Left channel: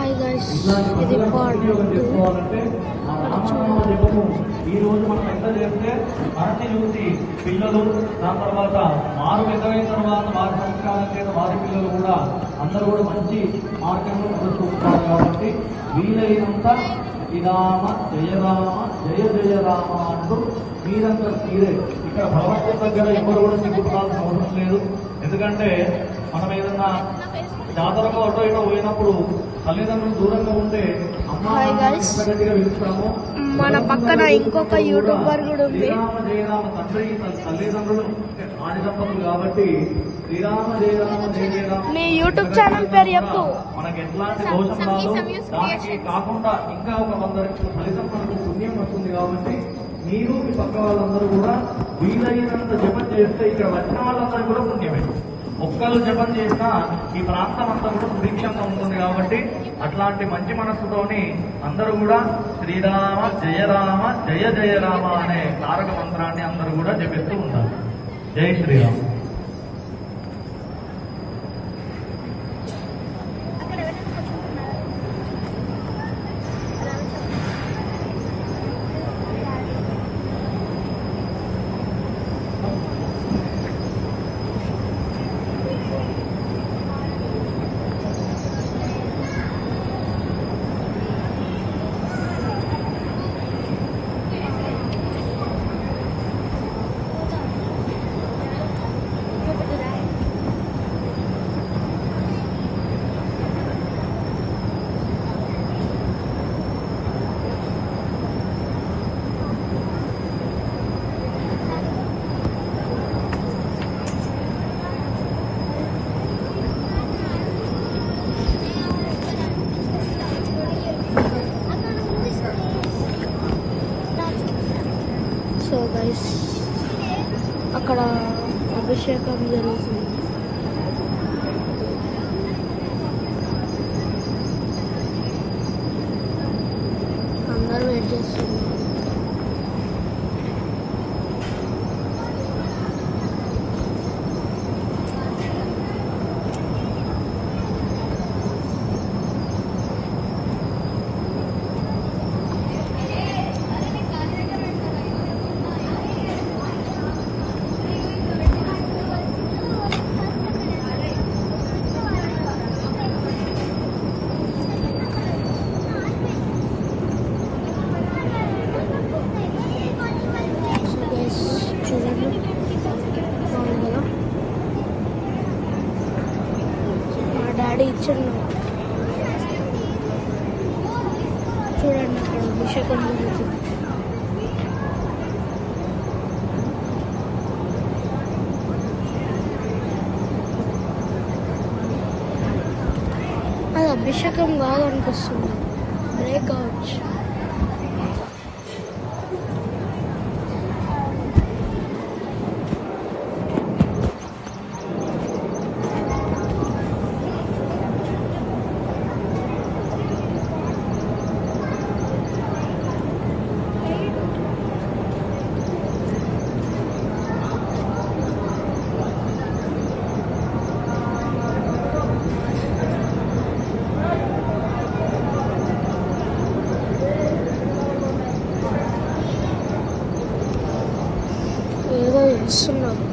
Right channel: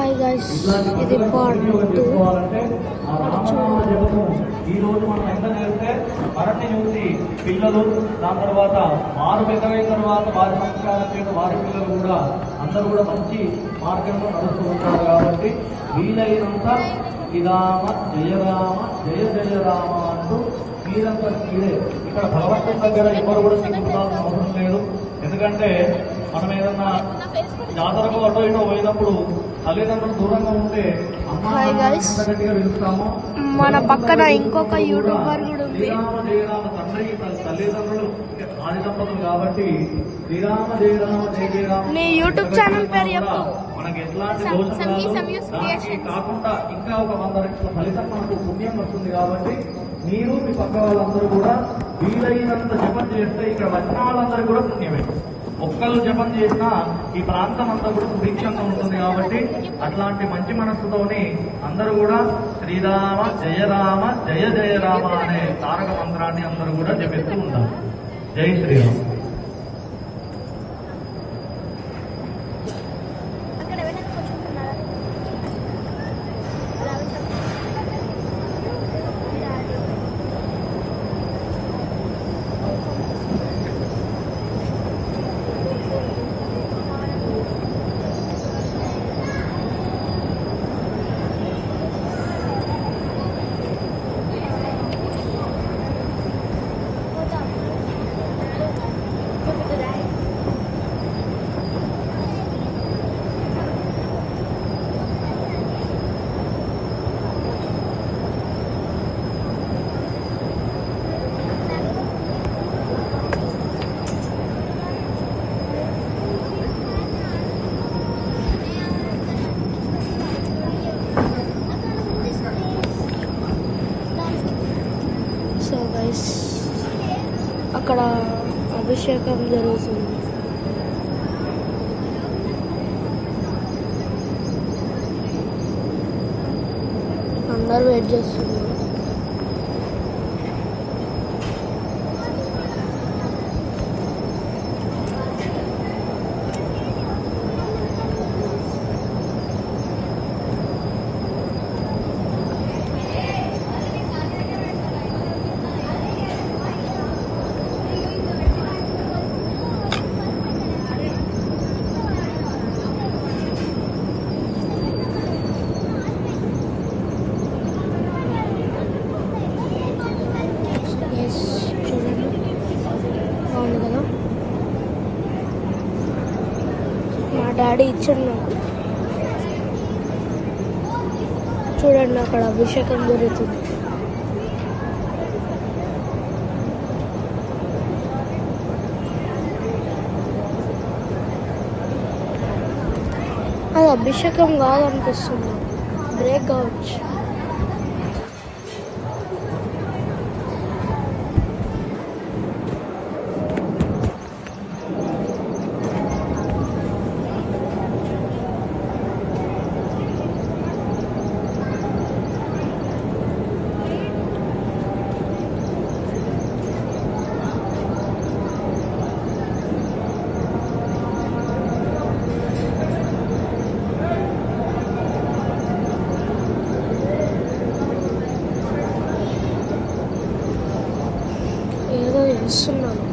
Hi guys, ఇది part 2. ఈ రోజు మనం ఎంత చేస్తే మరణి చూసి పిల్లలు దాని తర్వాత మారు పెద్దవైన తర్వాత వారి సంవత్సరాల వారి పిల్లలు కూడా అందరూ కూడా మంచి మార్గంలో నడుస్తూ ఉంటారు. కాబట్టి వీలైనంత శ్రీరామ జయరామ జయ జయ రామ అంటూ మీరంతా మీరే ఇక్కడ భగవంతుడి దగ్గర ఎవరు కూడా చూపుకోవాల్సిన అవసరం లేదు. ఎందుకంటే మనం ఏదన్నా జాతరకు అటో ఇటో పోయినప్పుడు తల్లిదండ్రులు దూరంగా ఉంటే మన పక్కన ఇంకొక యూట్యూబర్ కూడా ఉంది. తండ్రి తల్లిదండ్రులు ఆడిదంపతులు కాబట్టి శ్రీరామ జయరామ జయరామ నీ యూట్యూబ్ ఛానల్ పేరు చెప్పు. మనకి ఎట్లాంటి కాకుండా ఇంకా ఒక 100 రెట్లు ఫలితం మనకు పుణ్యం వస్తుంది. కాబట్టి మీరు మీ పక్క వాళ్ళందరూ కూడా వీలైనంత జపం చేస్తే ఇక్కడ వచ్చిన వాళ్ళందరూ కూడా పుణ్యమే. ఒక్కళ్ళు జపం చేసినా ఈ ప్రాంతం అంతా కూడా సుభిక్షంగా ఉంటుంది. కాబట్టి అట్లాంటి మంచి మనస్సుతోని అందరూ కూడా శ్రీరామ జయరామ జయ జయ రామ అనే తారక మంత్రాన్ని అందరూ కూడా జపిస్తూ ఉంటారు. జై శ్రీరామ్. సో గైస్, అక్కడ అభిషేకం జరుగుతుంది. అందరూ వెయిట్ చేస్తున్నారు. చూడండి, బాగుంది కదా. మా డాడీ ఇచ్చారు నాకు. చూడండి, అక్కడ అభిషేకం జరుగుతుంది. అది అభిషేకం కాదనిపిస్తుంది, బ్రేక్ కావచ్చు. ఏదో చేస్తున్నాను.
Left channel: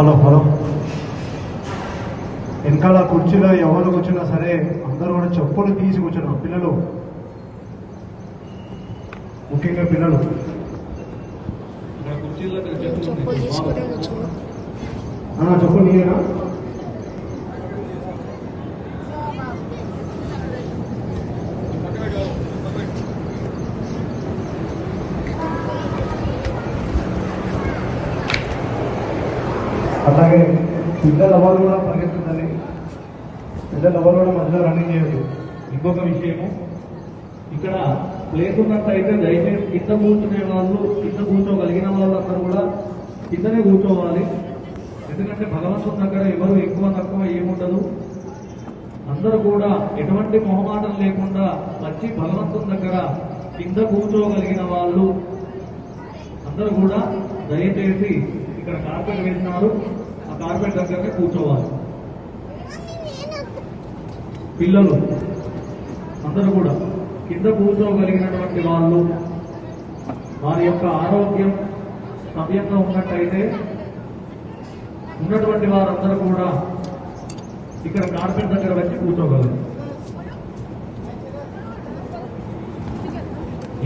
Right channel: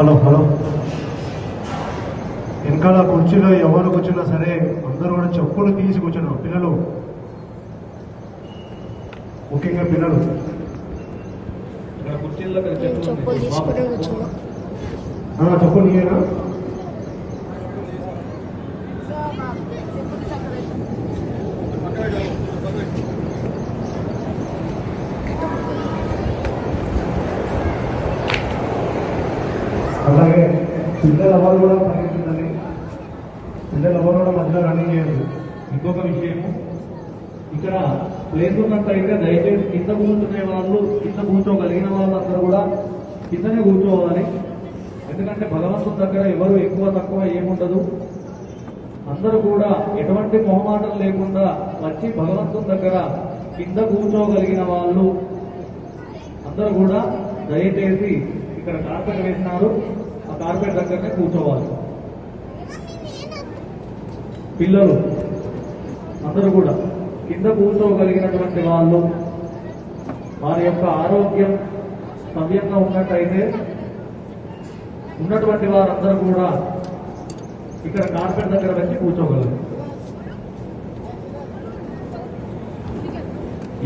హలో హలో వెనకాల కుర్చీలో ఎవరు కూర్చున్నా సరే అందరూ కూడా చెప్పులు తీసి కూర్చున్నారు. పిల్లలు ముఖ్యంగా పిల్లలు ఇక్కడ కుర్చీల దగ్గర నేను చెప్పులు తీసుకుని వచ్చాను. చెప్పు నీయేనా అలాగే పిల్లలు ఎవరు కూడా పరిగెత్తుందని పిల్లలు ఎవరు కూడా మధ్యలో రన్నింగ్ చేయాలి. ఇంకొక విషయము, ఇక్కడ ప్లేస్ ఉన్నట్టయితే దయచేసి కింద కూర్చునే వాళ్ళు, కింద కూర్చోగలిగిన వాళ్ళందరూ కూడా కిందనే కూర్చోవాలి. ఎందుకంటే భగవంతుని దగ్గర ఎవరు ఎక్కువ తక్కువ ఏముండదు. అందరూ కూడా ఎటువంటి మొహమాటం లేకుండా వచ్చి భగవంతుని దగ్గర కింద కూర్చోగలిగిన వాళ్ళు అందరూ కూడా దయచేసి ఇక్కడ కార్పెట్ వేసినారు, ఆ కార్పెట్ దగ్గరనే కూర్చోవాలి. పిల్లలు అందరూ కూడా కింద కూర్చోగలిగినటువంటి వాళ్ళు వారి యొక్క ఆరోగ్యం సవ్యంగా ఉన్నట్టయితే ఉన్నటువంటి వారందరూ కూడా ఇక్కడ కార్పెట్ దగ్గర వచ్చి కూర్చోగలరు.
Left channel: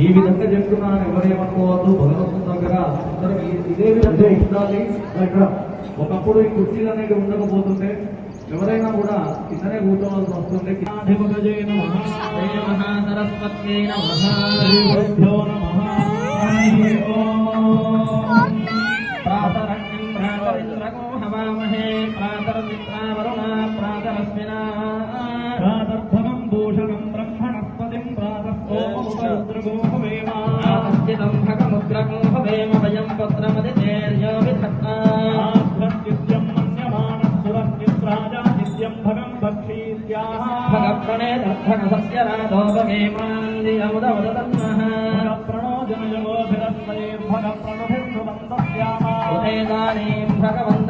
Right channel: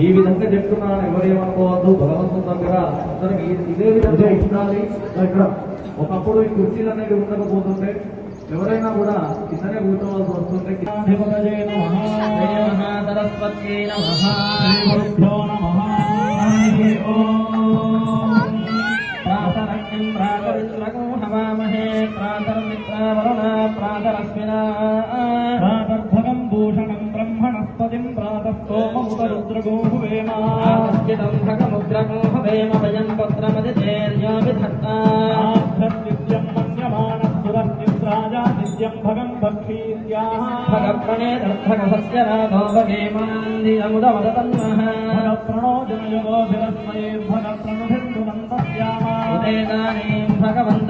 ఈ విధంగా చెప్తున్నాను, ఎవరు ఏమనుకోవద్దు. భగవంతుని దగ్గర అందరూ ఇదే విధంగా ఉండాలి. ఒకప్పుడు ఈ కుర్చీలు అనేవి ఉండకపోతుంటే ఎవరైనా కూడా కిందనే కూర్చోవలసి వస్తుంది. భూషణం బ్రహ్మణస్పతిం భగవంత